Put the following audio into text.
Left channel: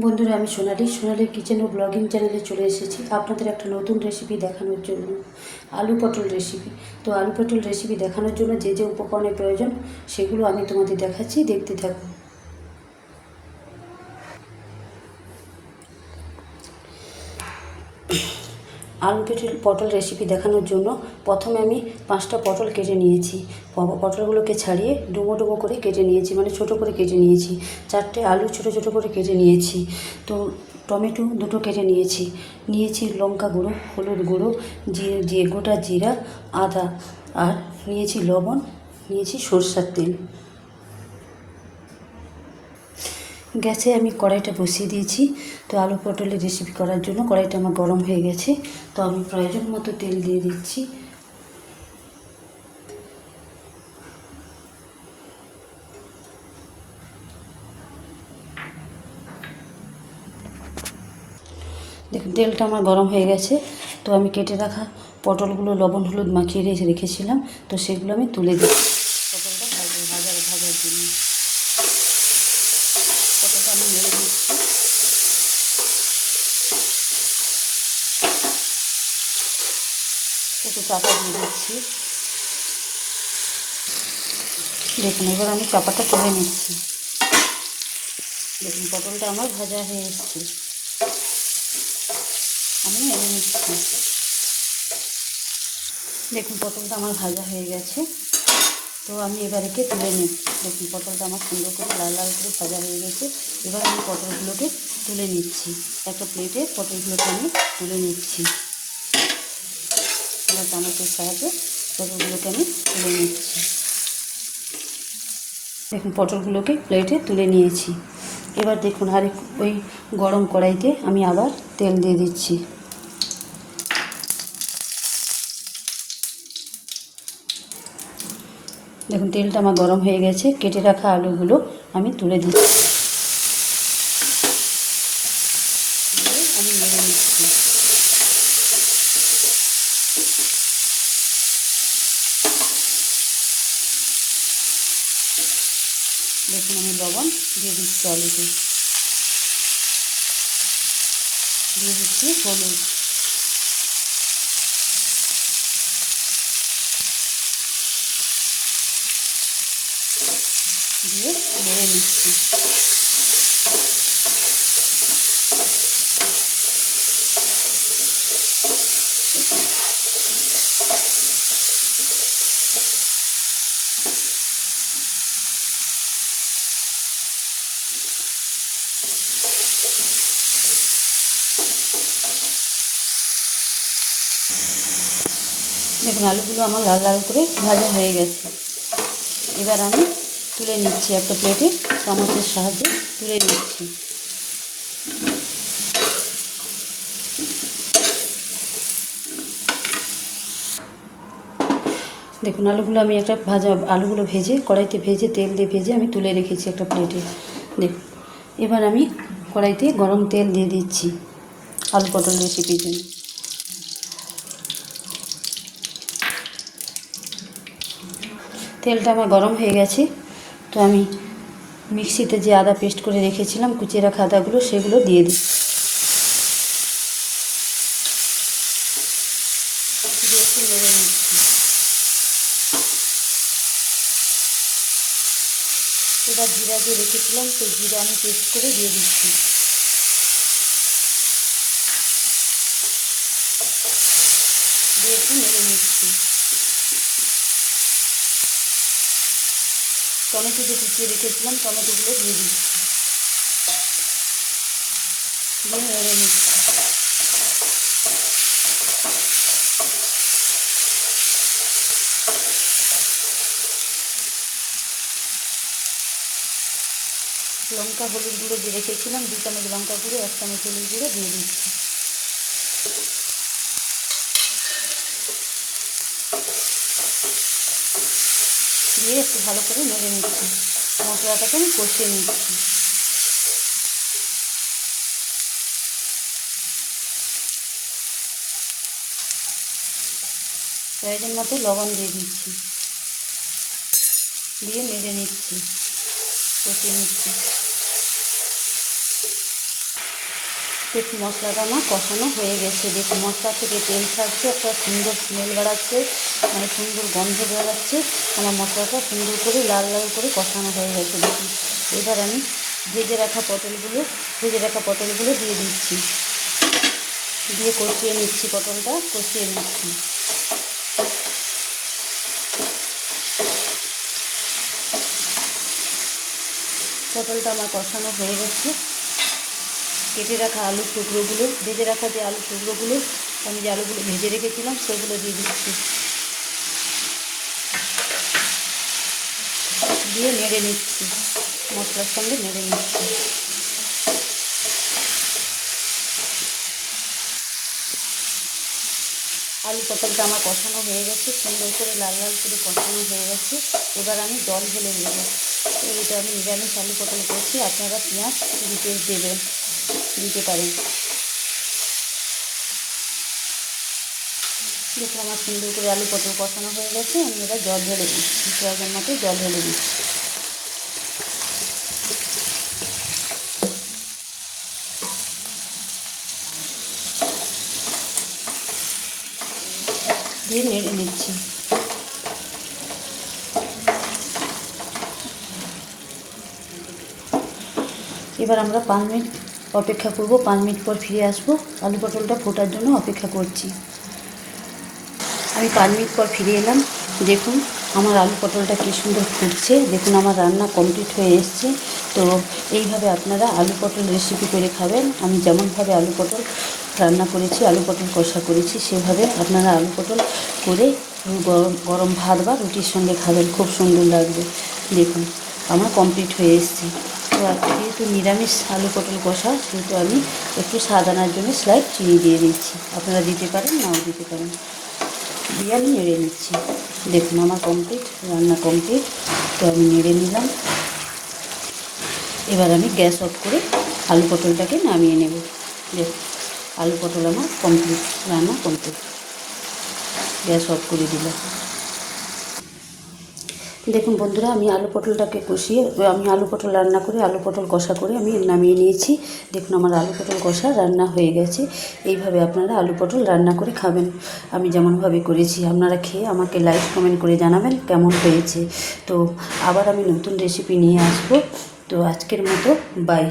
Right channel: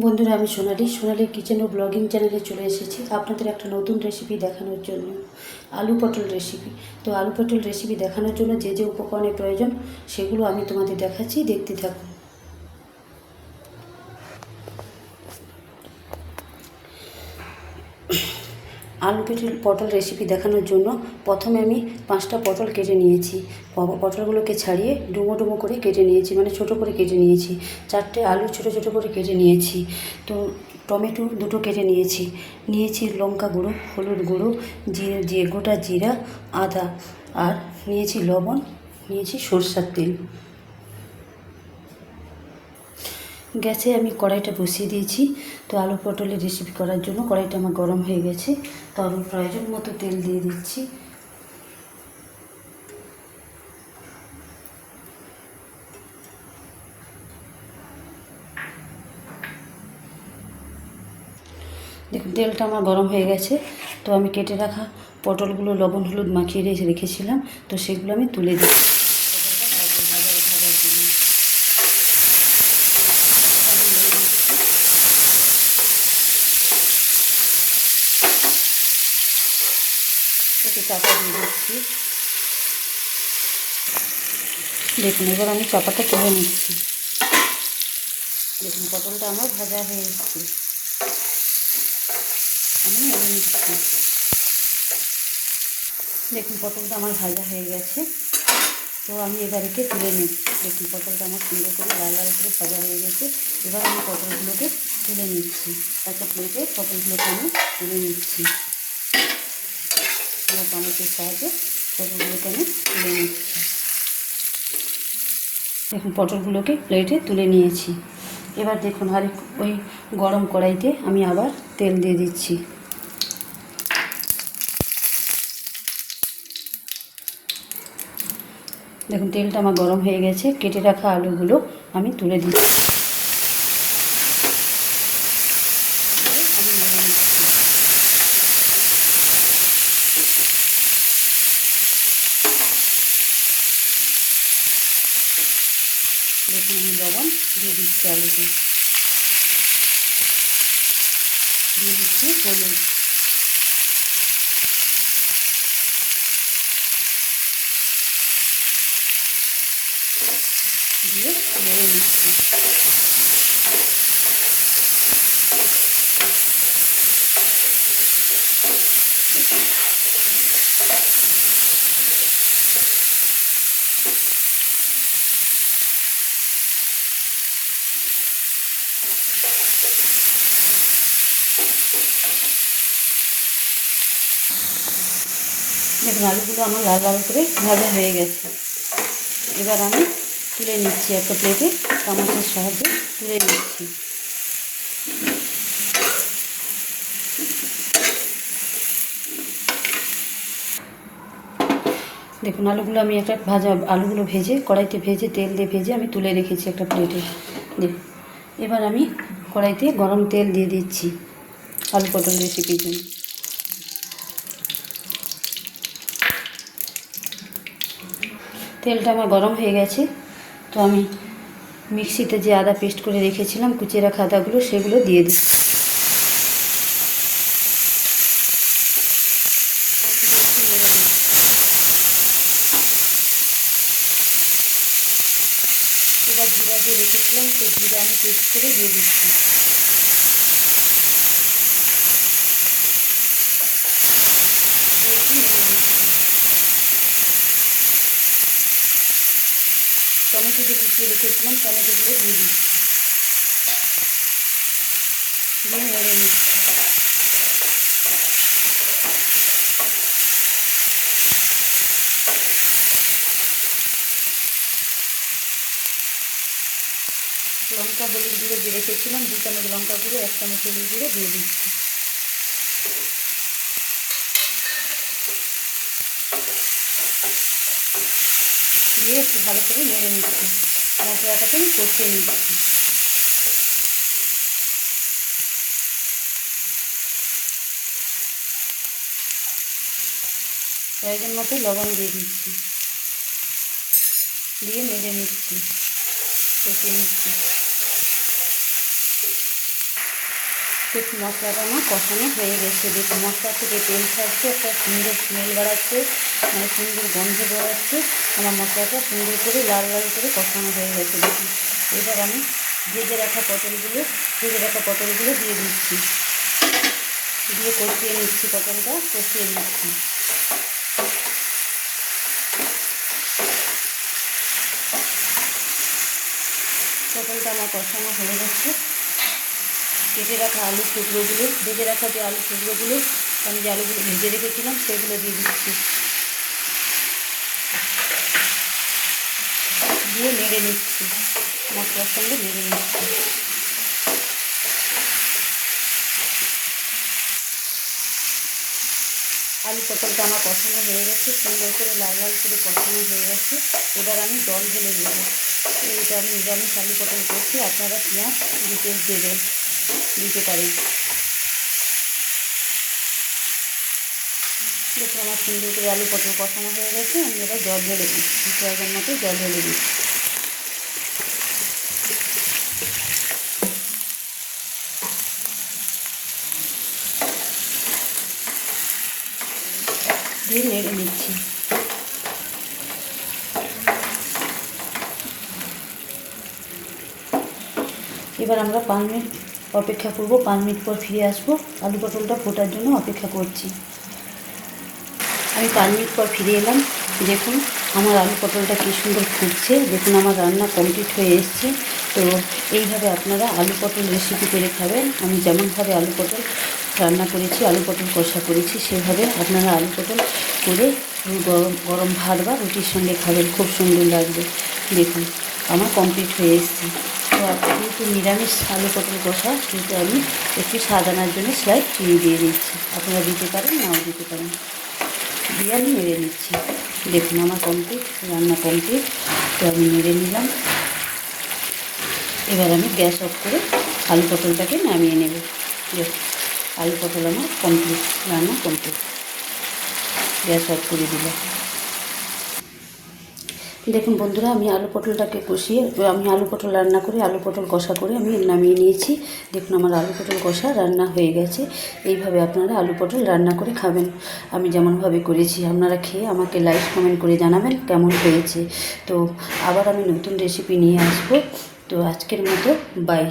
বন্ধুরা, আমি সোনালি। সোনালি কিচেন ও ব্লগিং চ্যানেলে চলে এসেছি। আপনাদের একটা নতুন রেসিপি দেখানোর জন্য। আলু পটল রেসিপি তো আলু পটল রেসিপি দেখানোর জন্য যে যে উপকরণের প্রয়োজন, সেগুলো আমি তোমাদের দেখাচ্ছি। দেখতে থাকুন। আলু কেটে পটল রেসিপি দেখানোর জন্য প্রথমে আমি পাঁচটা পটল কেটে নিয়েছি। পটলগুলোকে ছাড়িয়ে ডুমো ডুমো করে কেটে নিয়েছি মানে ছোটো করে কেটে নিয়েছি। চারটে আলু ছোটো ছোটো করে কেটে নিয়েছি। তো টমেটো দুটো কেটে নিয়েছি। নিয়েছি লঙ্কা গুঁড়ো, হলুদ গুঁড়ো জিরে যে গোটা জিরা, আদা, আর নিয়েছি লবণ, নিয়েছি সরষার তেল। গ্যাসে আমি কড়াইটা বসিয়ে দিয়েছি। তো আলু পটলের রেসিপি করার জন্য কড়াইটা আমার গরম হয়ে গেছে। তো আমি প্রয়োজন মতো তেল দিয়ে দিচ্ছি। দেখুন, তেলটা আমার গরম হয়ে গেছে। তো আমি কেটে রাখা পটলগুলো লবণ, হলুদ মাখিয়ে রেখে রেখেছিলাম। তো সেগুলো আমি তুলে দিচ্ছি পটলটা ভাজা ভাজার জন্য একটু চাপা দিয়ে দিচ্ছি। দেখুন, এবার আমি চাপাটা তুলে নিচ্ছি। দেখুন, পটলটা আমার ভাজা হয়ে এসছে। আমি এনে নিচ্ছি। দেখুন, পটলটা আমার ভাজা হয়ে গেছে। তো আমি এবার একে তুলে নিচ্ছি। দেখুন, পটলটা আমার সুন্দর করে লাল লাল করে ভাজা হয়ে গেছে। এবার আমি পটলগুলোকে তুলে নিচ্ছি। একটা প্লেটে পটলগুলোকে আমি তুলে নিচ্ছি। আমার চামচের সাহায্যে পটলগুলোকে আমি তুলে নিচ্ছি। দেখুন, পটলগুলোকে প্লেটে তুলে নিয়েছি। এবার দেখুন আর ওই গরম কড়াইতে আমি আবার তেল দিয়ে দিচ্ছি। দেখুন, তেলটা আমার গরম হয়ে গেছে। কেটে রাখা আলুগুলো আমি তুলে দিচ্ছি আমি নেড়ে নিচ্ছি দেখুন আমি লবণ দিয়ে আলুতে দিয়ে দিচ্ছি হলুদ দিয়ে নেড়ে নিচ্ছি দেখুন আলুগুলো আমার লাল লাল করে ভাজা হয়ে গেছে। এবার আমি তুলে নিচ্ছি একটা প্লেটে চামচের সাহায্যে তুলে নিচ্ছি। দেখুন, আলুগুলো আমি একটা ভাজা, আলুগুলো ভেজে, কড়াইতে ভেজে, তেল দিয়ে ভেজে আমি তুলে রেখেছি একটা প্লেটে দেখুন, এবার আমি কড়াইতে গরম তেল দিয়ে দিচ্ছি আলু পটল রেসিপির জন্য। তেলটা আমার গরম হয়ে গেছে। তো আমি মিক্সিতে যে আদা পেস্ট করে রেখেছিলাম, কুচিয়ে রাখা আদাগুলো, সেগুলো দিয়ে দিই। জিরা দিয়ে রেখেছিলাম, সেই জিরা আমি পেস্ট করে দিয়ে দিচ্ছি দিয়ে একটু নেড়ে নিচ্ছি টমেটো যে কুচিয়ে রেখেছিলাম টমেটোগুলো দিয়ে দিচ্ছি। লঙ্কা হলুদ গুঁড়ো যে রেখেছিলাম দু চামচ লঙ্কা গুঁড়ো এক চামচ হলুদ গুঁড়ো দিয়ে দিচ্ছি দিয়ে একটু ভালো করে নেড়ে নিচ্ছি মশলাটাকে আমি কষিয়ে নিচ্ছি। প্রয়োজন মতো লবণ দিয়ে দিচ্ছি। দিয়ে নেড়ে নিচ্ছি। কষিয়ে নিচ্ছি। দেখুন মশলাটা আমার কষানো হয়ে গেছে। দেখুন মশলা থেকে তেল ছাড়ছে, একটা সুন্দর স্মেল বেড়াচ্ছে মানে সুন্দর গন্ধ বেড়াচ্ছে আমার মশলাটা সুন্দর করে, লাল লাল করে কষানো হয়ে গেছে। দেখুন, এবার আমি ভেজে রাখা পটলগুলো, ভেজে রাখা পটলগুলো দিয়ে দিচ্ছি। দিয়ে কষিয়ে নিচ্ছি পটলটা, কষিয়ে নিচ্ছি। পটলটা আমার কষানো হয়ে গেছে। কেটে রাখা আলু টুকরোগুলো, ভেজে রাখা যে আলু টুকরোগুলো আমি যে আলুগুলো ভেজে রেখেছিলাম, সেগুলো দিয়ে দিচ্ছি। দিয়ে নেড়ে নিচ্ছি, মশলার সঙ্গে নেড়ে নিচ্ছি। আলু পটলটা আমার কষানো হয়ে গেছে, সুন্দর করে লাল লাল করে কষানো হয়ে গেছে। এবার আমি জল ঢেলে নেব। এটা আমি নিরামিষ আলু পটল করছি, আপনারা পেঁয়াজ ডিটেলস দেবেন। দিতে পারেন দেখুন আমার সুন্দর করে আলু পটল কষানো হয়ে গেছে, আমি এবার জল ঢেলে দিচ্ছি। পেঁয়াজের মতো জল ঢেলে দিচ্ছি। নিচ্ছি। এবার আমরা পাঁচ মিনিট অপেক্ষা করব, পাঁচ মিনিট পর ফিরে আসব। আলু পটলটা ফোটার জন্য অপেক্ষা করছি। আমি পাঁচ মিনিট পর ফিরে এলাম। দেখুন, আমার আলু পটলটা কী সুন্দর ফুটছে। দেখুন, আমার রান্না কমপ্লিট হয়ে এসছে। তো এইভাবে আপনারা আলু পটল রেসিপি করে খাবেন। আমি যেমনভাবে আলু পটল রান্না করেছি, আলু পটল কষা করেছি, সেভাবে আপনারা আলু পটল করে গরম গরম ভাত বা রুটির সঙ্গে খাবেন। খুব সুন্দর লাগবে। দেখুন, আমার কমপ্লিট হয়ে এসছে। যেহেতু নিরামিষ আলু পটল কষা সেহেতু আমি একটু স্বাদ আনার জন্য স্লাইড চিনি দিয়ে দিচ্ছি। আপনারা দিতে পারেন, নাও দিতে পারেন। দিয়ে আমি নেড়ে নিচ্ছি। দেখুন, আমার কমপ্লিট রান্না কমপ্লিট তো আমি নেড়ে নিলাম। এবার আমি গ্যাস অফ করে আলু পটলটাকে নামিয়ে নেব। দেখুন আলু পটল আমার কমপ্লিট রান্না কমপ্লিট গ্যাস অফ করে দিল দেখুন বন্ধুরা, আমি আলু পটলটাকে কষিয়ে, আমি আলু পটল রান্না করে, আলু পটল কষা করে আমি নামিয়ে নিয়েছি। দেখুন আমার আলু পটল কষা রান্না হয়ে গেছে। এইভাবে আপনারা আলু পটল রান্না করে খাবেন। আমি যেমনভাবে করেছি, আপনারা খেয়ে আমাকে লাইক, কমেন্ট করে জানাবেন কেমন হয়েছে। তো আবার আমি নতুন রেসিপি নিয়ে আসব। তো আজকের মতো বাই